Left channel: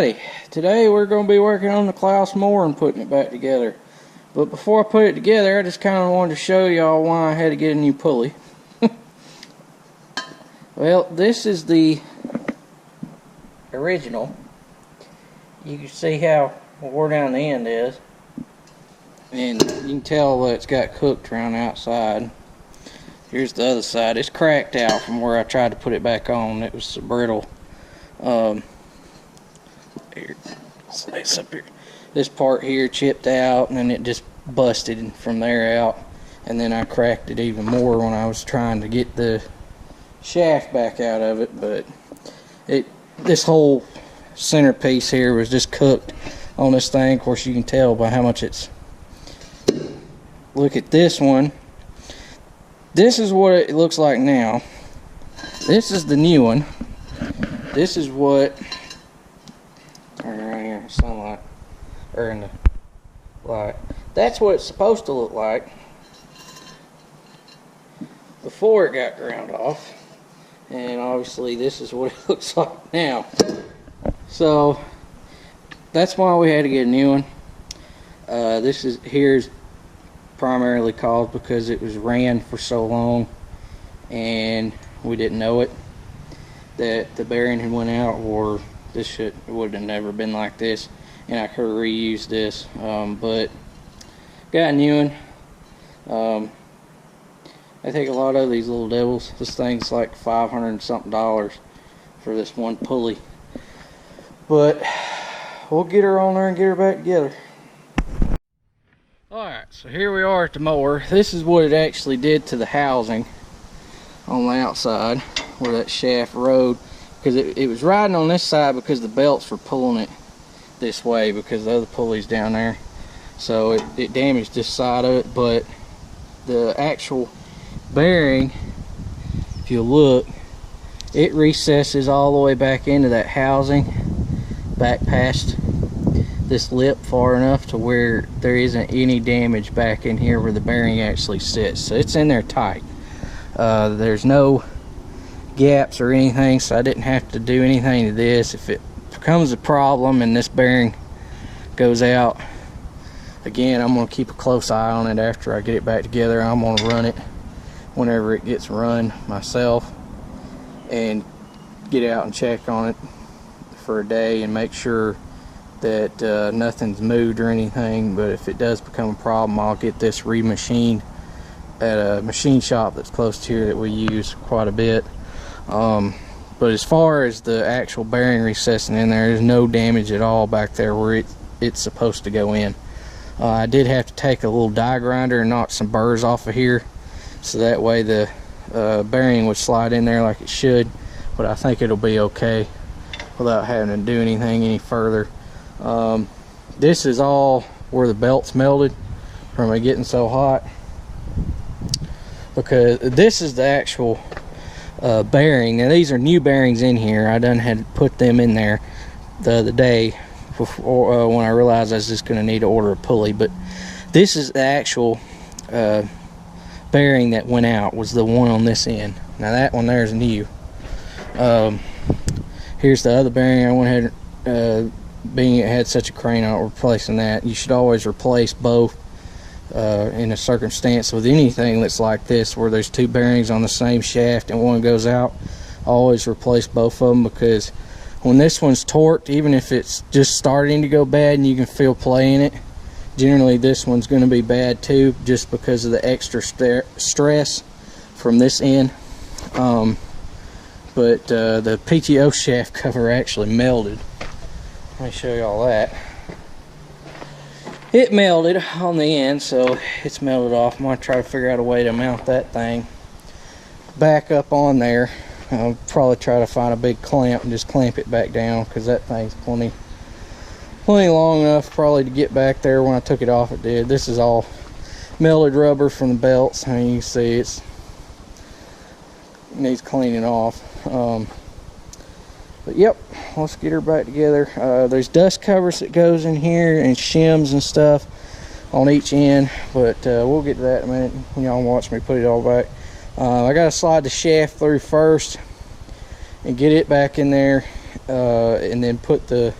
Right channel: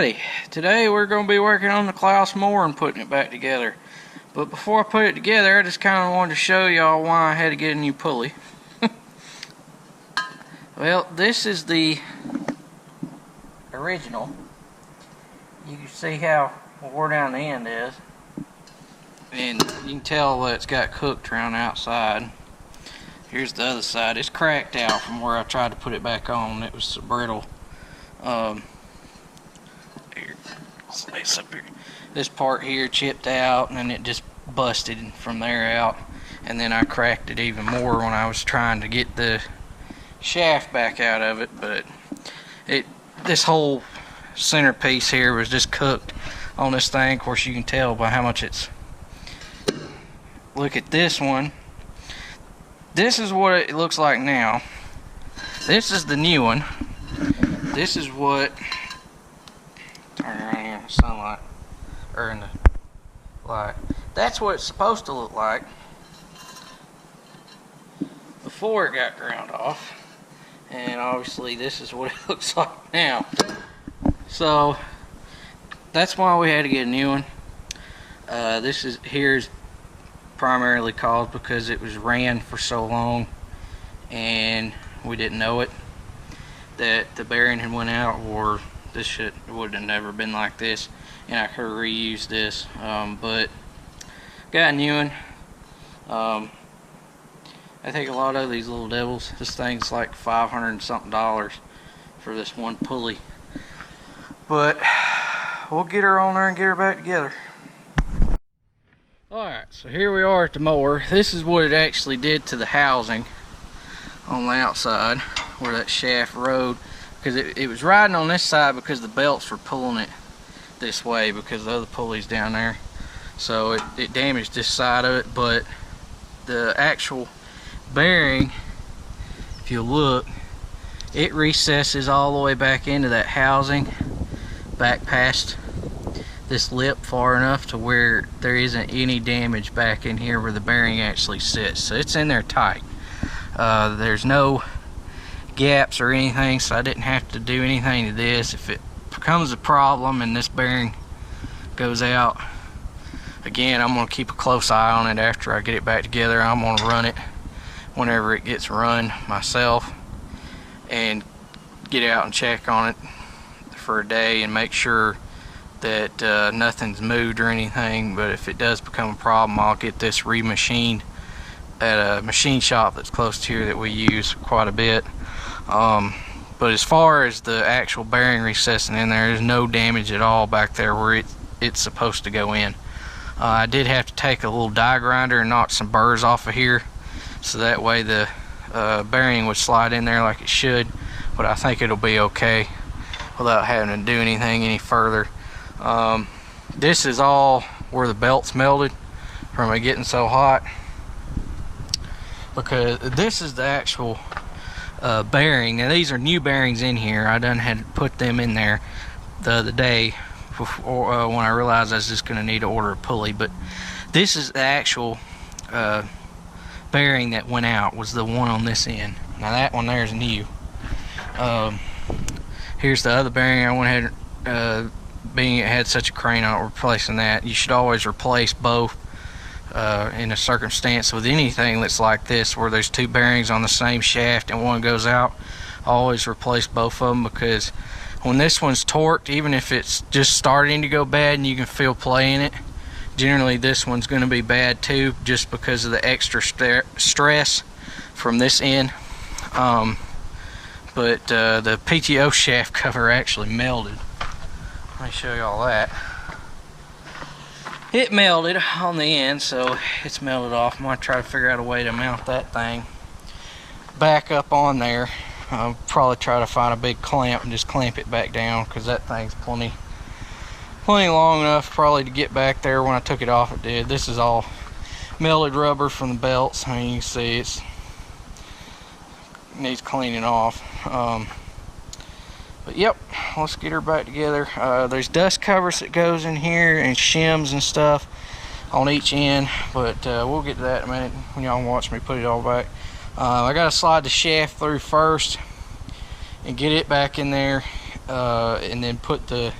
Alrighty, today we're going to be working on the claas more and putting it back together. But before I put it together, I just kind of wanted to show y'all why I had to get a new pulley. Well, this is the original. You can see how wore down the end is. And you can tell that it's got cooked around the outside. Here's the other side. It's cracked out from where I tried to put it back on. It was so brittle. Here, it's up here. This part here chipped out, and then it just busted from there out. And then I cracked it even more when I was trying to get the shaft back out of it. But this whole centerpiece here was just cooked on this thing. Of course, you can tell by how much it's. Look at this one. This is what it looks like now. This is the new one. This is what. Turn around here in the sunlight, or in the light. That's what it's supposed to look like before it got ground off, and obviously this is what it looks like now. So that's why we had to get a new one. Here's primarily caused because it was ran for so long and we didn't know it that the bearing had went out, or this shit would have never been like this, and I could have reused this. But got a new one. I think a lot of these little devils, this thing's like $500 and something for this one pulley, but we'll get her on there and get her back together. Alright, so here we are at the mower. This is what it actually did to the housing on the outside where that shaft rode, because it was riding on this side because the belts were pulling it this way because the other pulley's down there. So it damaged this side of it, but the actual bearing, if you look, it recesses all the way back into that housing, back past this lip far enough to where there isn't any damage back in here where the bearing actually sits. So it's in there tight. There's no gaps or anything, so I didn't have to do anything to this. If it becomes a problem and this bearing goes out again, I'm going to keep a close eye on it after I get it back together. I'm going to run it whenever it gets run myself and get out and check on it for a day and make sure that nothing's moved or anything. But if it does become a problem, I'll get this remachined at a machine shop that's close to here that we use quite a bit. But as far as the actual bearing recessing in there's no damage at all back there where it's supposed to go in. I did have to take a little die grinder and knock some burrs off of here, so that way the bearing would slide in there like it should, but I think it'll be okay without having to do anything any further. This is all where the belt's melted from it getting so hot, because this is the actual bearing. Now these are new bearings in here. I done had to put them in there the other day before, when I realized I was just going to need to order a pulley. But this is the actual bearing that went out, was the one on this end. Now that one there is new. Here's the other bearing I went ahead, being it had such a crane on it, replacing that. You should always replace both in a circumstance with anything that's like this where there's two bearings on the same shaft and one goes out. Always replace both of them, because when this one's torqued, even if it's just starting to go bad and you can feel play in it, generally this one's going to be bad too, just because of the extra stress from this end. But the PTO shaft cover actually melted. Let me show you all that. It melted on the end, so it's melted off. I'm going to try to figure out a way to mount that thing back up on there. I'll probably try to find a big clamp and just clamp it back down, because that thing's plenty long enough probably to get back there. When I took it off, it did. This is all melted rubber from the belts. I mean, you can see it needs cleaning off. But yep, let's get her back together. There's dust covers that goes in here and shims and stuff on each end, but we'll get to that in a minute when y'all watch me put it all back. I gotta slide the shaft through first and get it back in there, and then put the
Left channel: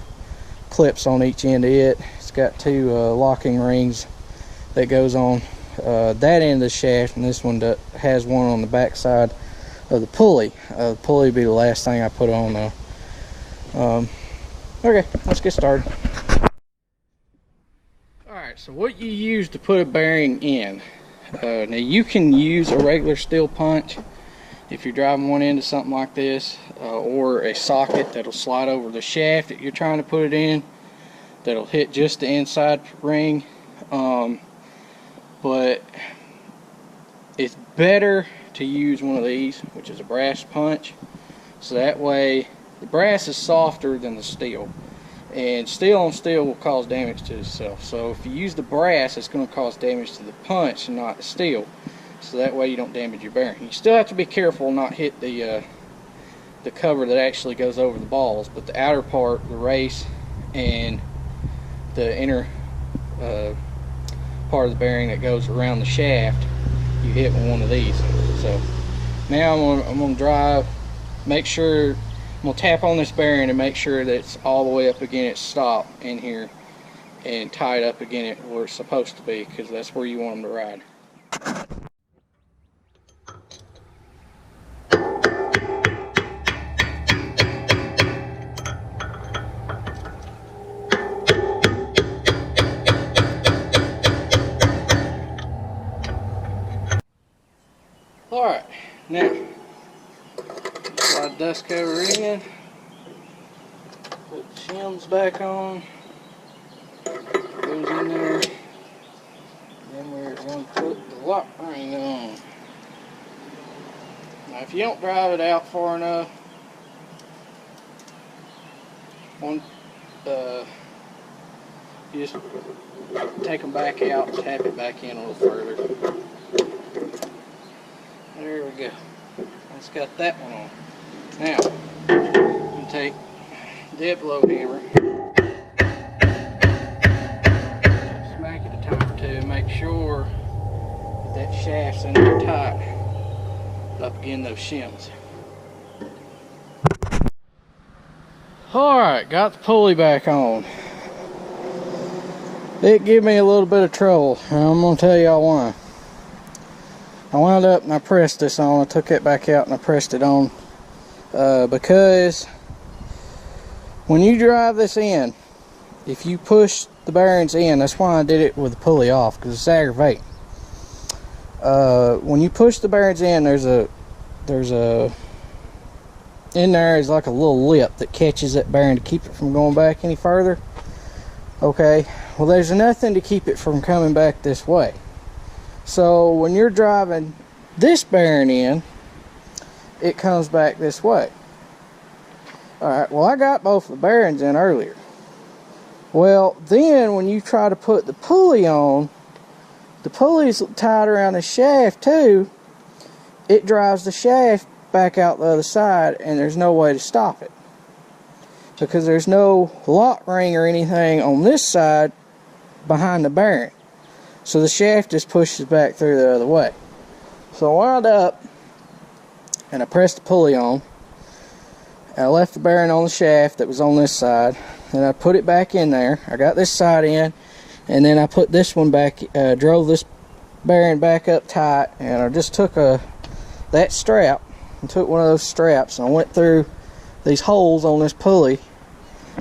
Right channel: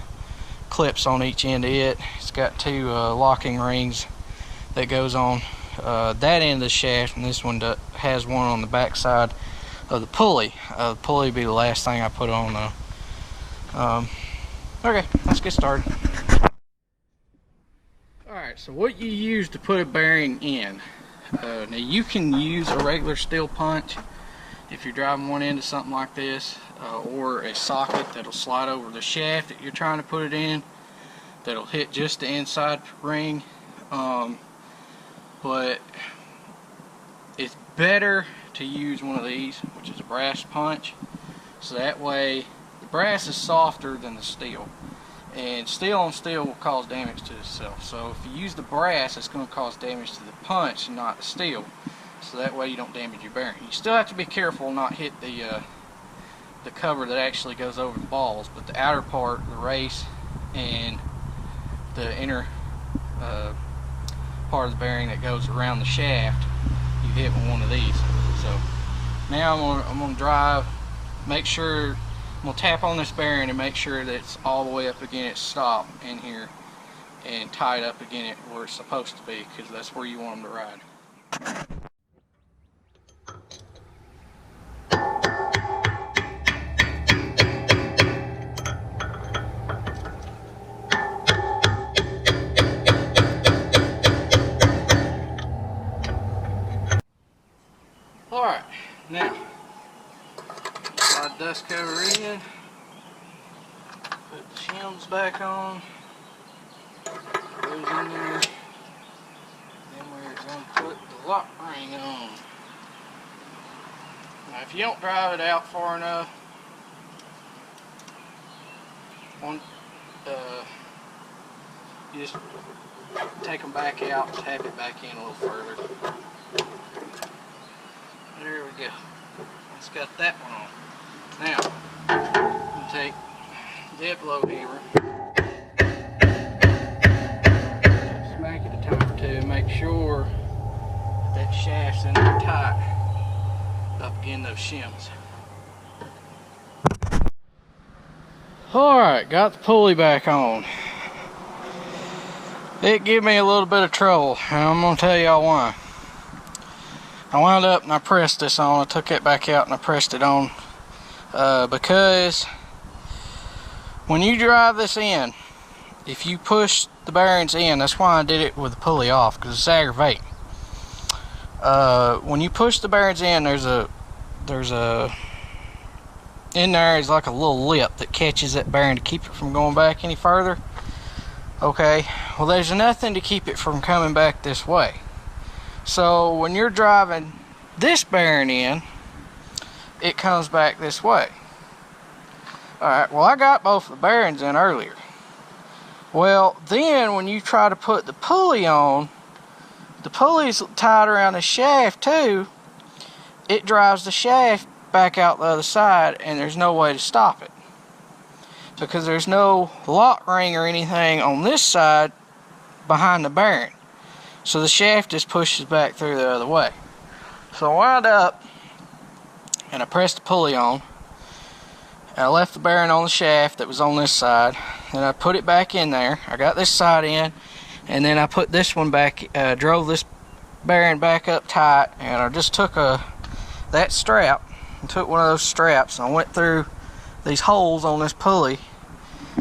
clips on each end of it. It's got two locking rings that goes on that end of the shaft, and this one has one on the back side of the pulley. The pulley will be the last thing I put on though. Okay, let's get started. Alright, so what you use to put a bearing in. Now you can use a regular steel punch if you're driving one into something like this, or a socket that'll slide over the shaft that you're trying to put it in, that'll hit just the inside ring. But it's better to use one of these, which is a brass punch, so that way the brass is softer than the steel, and steel on steel will cause damage to itself. So if you use the brass, it's going to cause damage to the punch and not the steel, so that way you don't damage your bearing. You still have to be careful not hit the cover that actually goes over the balls, but the outer part, the race, and the inner part of the bearing that goes around the shaft, you hit with one of these. So now I'm gonna drive, make sure, I'm gonna tap on this bearing and make sure that it's all the way up against its stop in here and tie it up again where it's supposed to be, because that's where you want them to ride. Alright, now slide the dust cover in, put the shims back on, it goes in there, then we're going to put the lock ring on. Now if you don't drive it out far enough, you just take them back out and tap it back in a little further. There we go. It's got that one on. Now, I'm going to take the blow hammer, smack it a time or two, and make sure that shaft's in there tight up against those shims. Alright, got the pulley back on. It gave me a little bit of trouble, and I'm going to tell y'all why. I wound up and I pressed this on. I took it back out and I pressed it on because when you drive this in, if you push the bearings in, that's why I did it with the pulley off, because it's aggravating. When you push the bearings in, there's a in there is like a little lip that catches that bearing to keep it from going back any further. Okay, well there's nothing to keep it from coming back this way. So when you're driving this bearing in, it comes back this way. Alright, well I got both the bearings in earlier. Well, then when you try to put the pulley on, the pulley's tied around the shaft too. It drives the shaft back out the other side, and there's no way to stop it, because there's no lock ring or anything on this side behind the bearing. So the shaft just pushes back through the other way. So I wound up and I pressed the pulley on, and I left the bearing on the shaft that was on this side, and I put it back in there. I got this side in, and then I put this one back, drove this bearing back up tight, and I just took that strap and took one of those straps, and I went through these holes on this pulley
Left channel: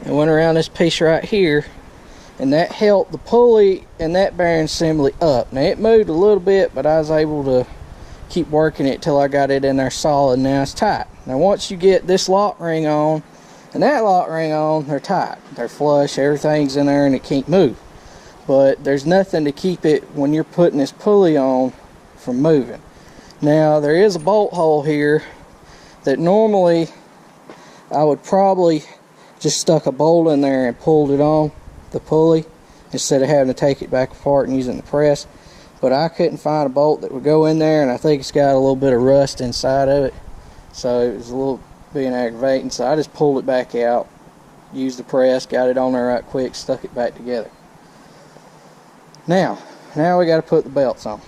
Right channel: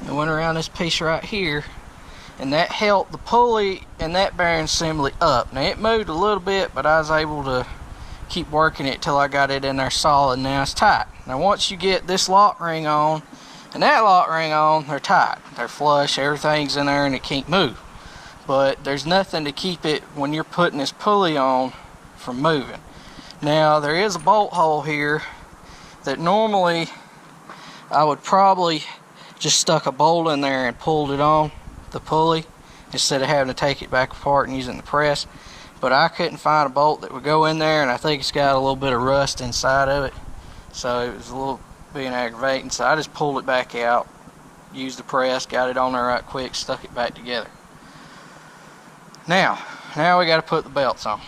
and went around this piece right here, and that held the pulley and that bearing assembly up. Now it moved a little bit, but I was able to keep working it till I got it in there solid. Now it's tight. Now once you get this lock ring on and that lock ring on, they're tight, they're flush, everything's in there and it can't move. But there's nothing to keep it, when you're putting this pulley on, from moving. Now there is a bolt hole here that normally I would probably just stuck a bolt in there and pulled it on the pulley instead of having to take it back apart and using the press. But I couldn't find a bolt that would go in there, and I think it's got a little bit of rust inside of it, so it was a little being aggravating. So I just pulled it back out, used the press, got it on there right quick, stuck it back together. Now we got to put the belts on.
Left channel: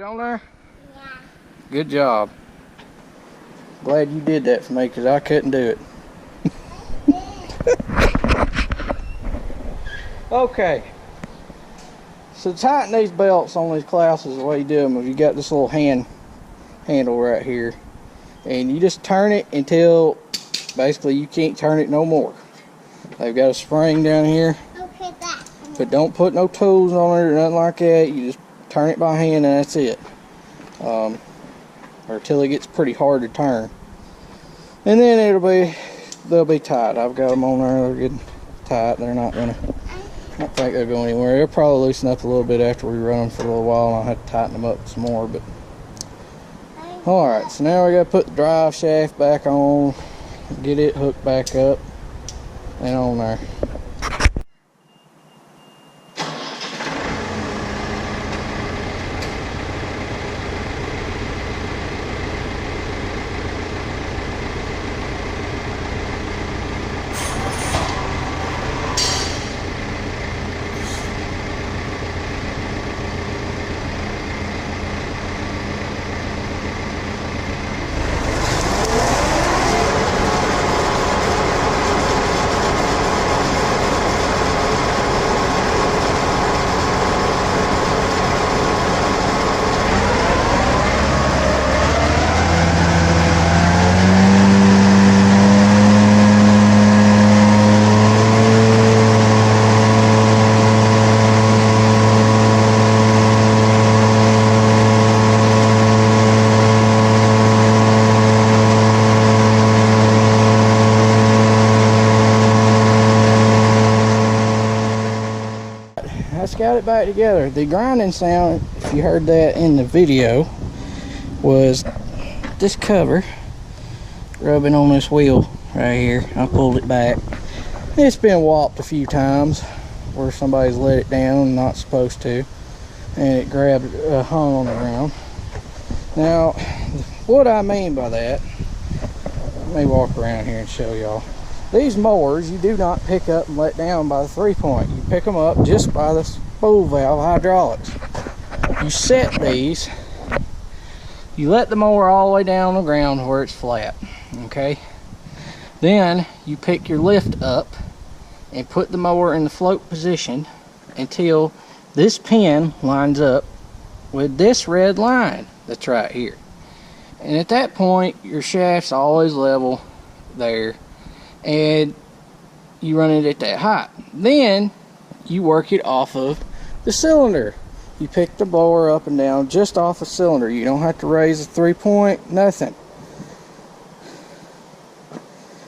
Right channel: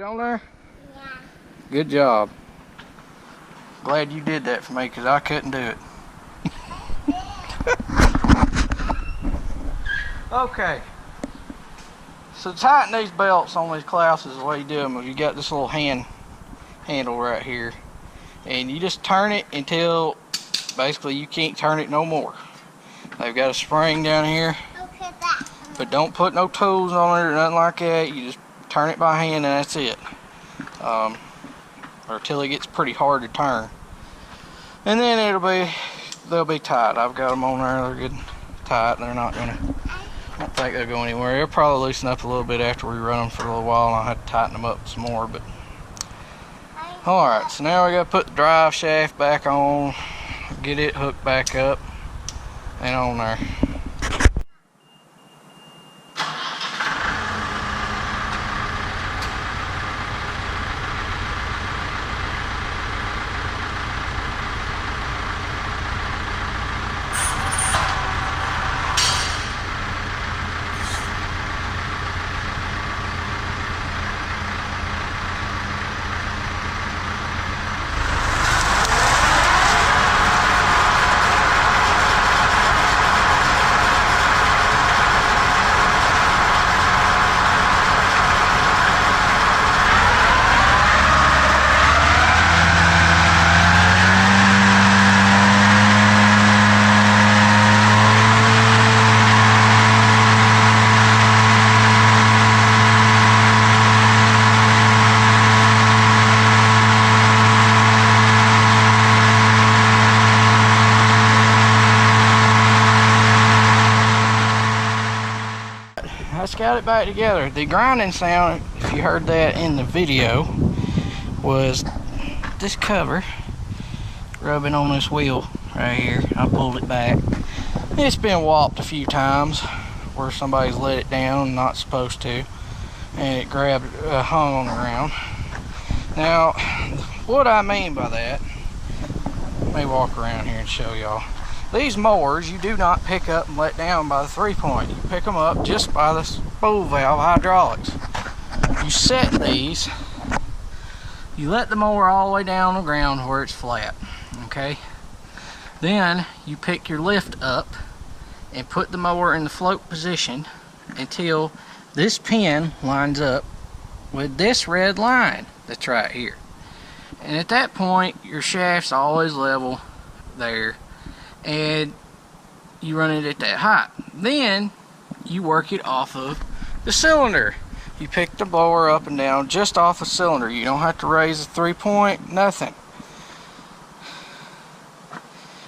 it on there? Yeah. Good job. Glad you did that for me because I couldn't do it. Okay. So to tighten these belts on these clouses, the way you do them is you got this little handle right here. And you just turn it until basically you can't turn it no more. They've got a spring down here. Okay, that. But don't put no tools on it or nothing like that. You just turn it by hand and that's it. Or until it gets pretty hard to turn. And then they'll be tight. I've got them on there. They're good tight. They're not gonna, I don't think they'll go anywhere. They'll probably loosen up a little bit after we run them for a little while, and I'll have to tighten them up some more. But all right, so now we gotta put the drive shaft back on, get it hooked back up and on there. Let's got it back together. The grinding sound, if you heard that in the video, was this cover rubbing on this wheel right here. I pulled it back. It's been whopped a few times where somebody's let it down, not supposed to, and it grabbed, hung on the ground. Now, what I mean by that, let me walk around here and show y'all. These mowers, you do not pick up and let down by the 3-point. You pick them up just by the spool valve hydraulics. You set these, you let the mower all the way down on the ground where it's flat, okay? Then you pick your lift up and put the mower in the float position until this pin lines up with this red line that's right here. And at that point, your shaft's always level there, and you run it at that height. Then you work it off of the cylinder. You pick the blower up and down just off the cylinder. You don't have to raise the 3-point, nothing.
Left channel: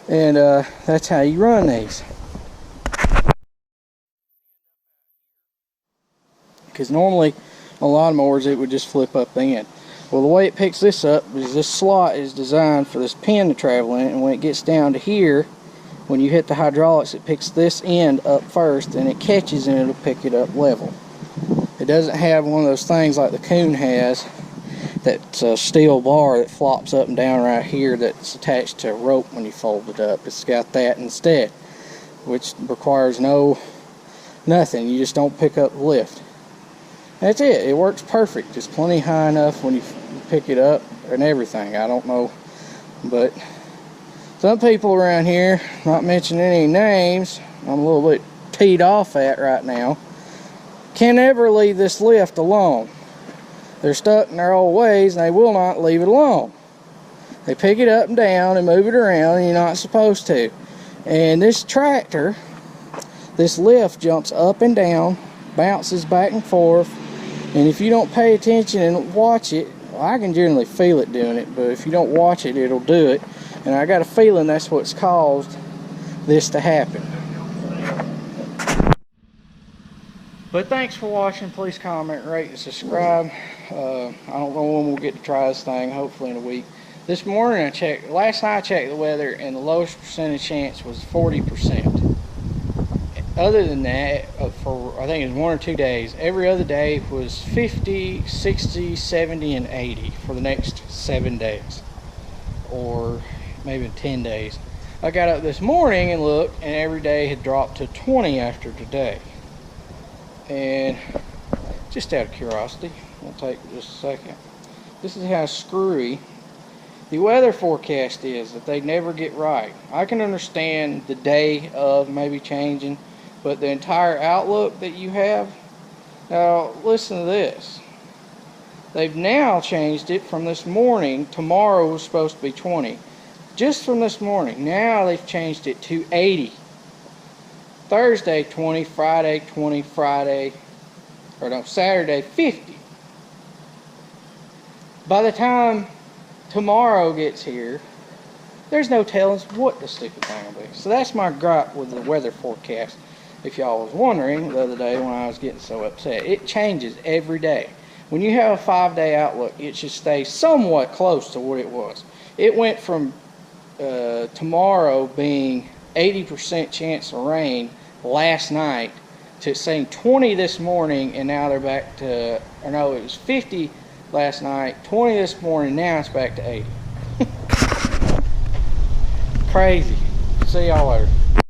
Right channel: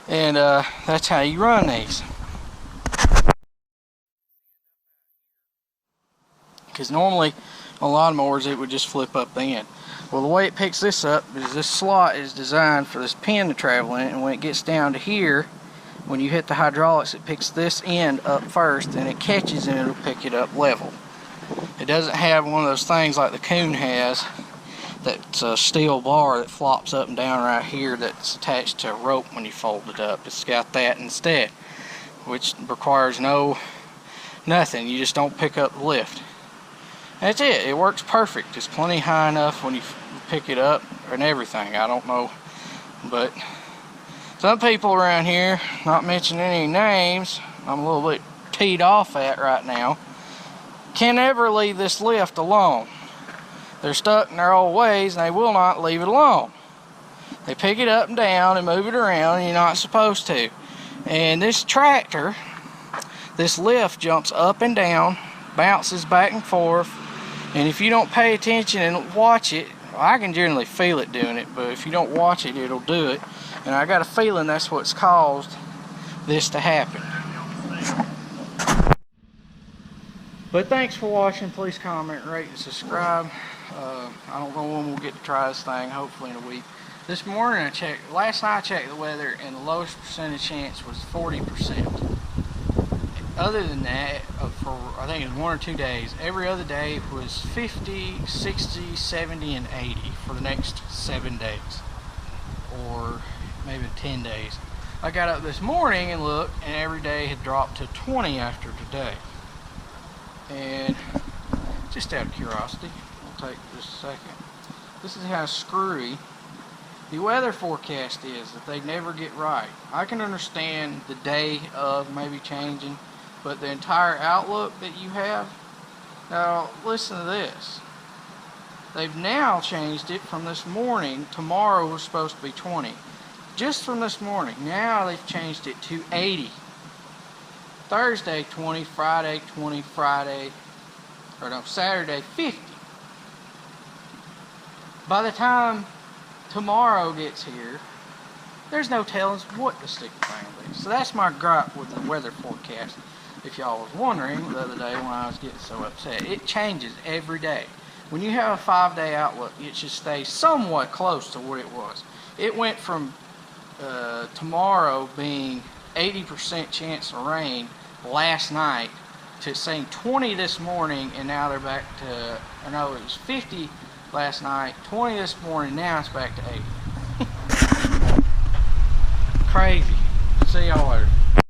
And that's how you run these. Because normally on a lot of mowers it would just flip up the end. Well, the way it picks this up is this slot is designed for this pin to travel in, and when it gets down to here, when you hit the hydraulics, it picks this end up first and it catches and it'll pick it up level. It doesn't have one of those things like the Coon has, that's a steel bar that flops up and down right here that's attached to a rope when you fold it up. It's got that instead, which requires nothing. You just don't pick up the lift. That's it. It works perfect. It's plenty high enough when you pick it up and everything. I don't know, but some people around here, not mentioning any names, I'm a little bit teed off at right now, can never leave this lift alone. They're stuck in their old ways and they will not leave it alone. They pick it up and down and move it around, and you're not supposed to. And this tractor, this lift jumps up and down, bounces back and forth, and if you don't pay attention and watch it, I can generally feel it doing it, but if you don't watch it, it'll do it. And I got a feeling that's what's caused this to happen. But thanks for watching. Please comment, rate, and subscribe. I don't know when we'll get to try this thing, hopefully in a week. This morning last night I checked the weather, and the lowest percentage chance was 40%. Other than that, for I think it was 1 or 2 days, every other day was 50, 60, 70, and 80 for the next 7 days. Or maybe 10 days. I got up this morning and looked, and every day had dropped to 20 after today. And just out of curiosity, We'll take just a second. This is how screwy the weather forecast is, that they never get right. I can understand the day of maybe changing, but the entire outlook that you have. Now listen to this. They've now changed it from this morning. Tomorrow was supposed to be 20. Just from this morning. Now they've changed it to 80. Thursday 20, Friday 20, Saturday 50. By the time tomorrow gets here, there's no telling what the stupid thing will be. So that's my gripe with the weather forecast. If y'all was wondering the other day when I was getting so upset, it changes every day. When you have a 5-day outlook, it should stay somewhat close to what it was. It went from tomorrow being 80% chance of rain last night to saying 20 this morning, and now they're back to, or no, it was 50 last night, 20 this morning, now it's back to 80. Crazy. See y'all later.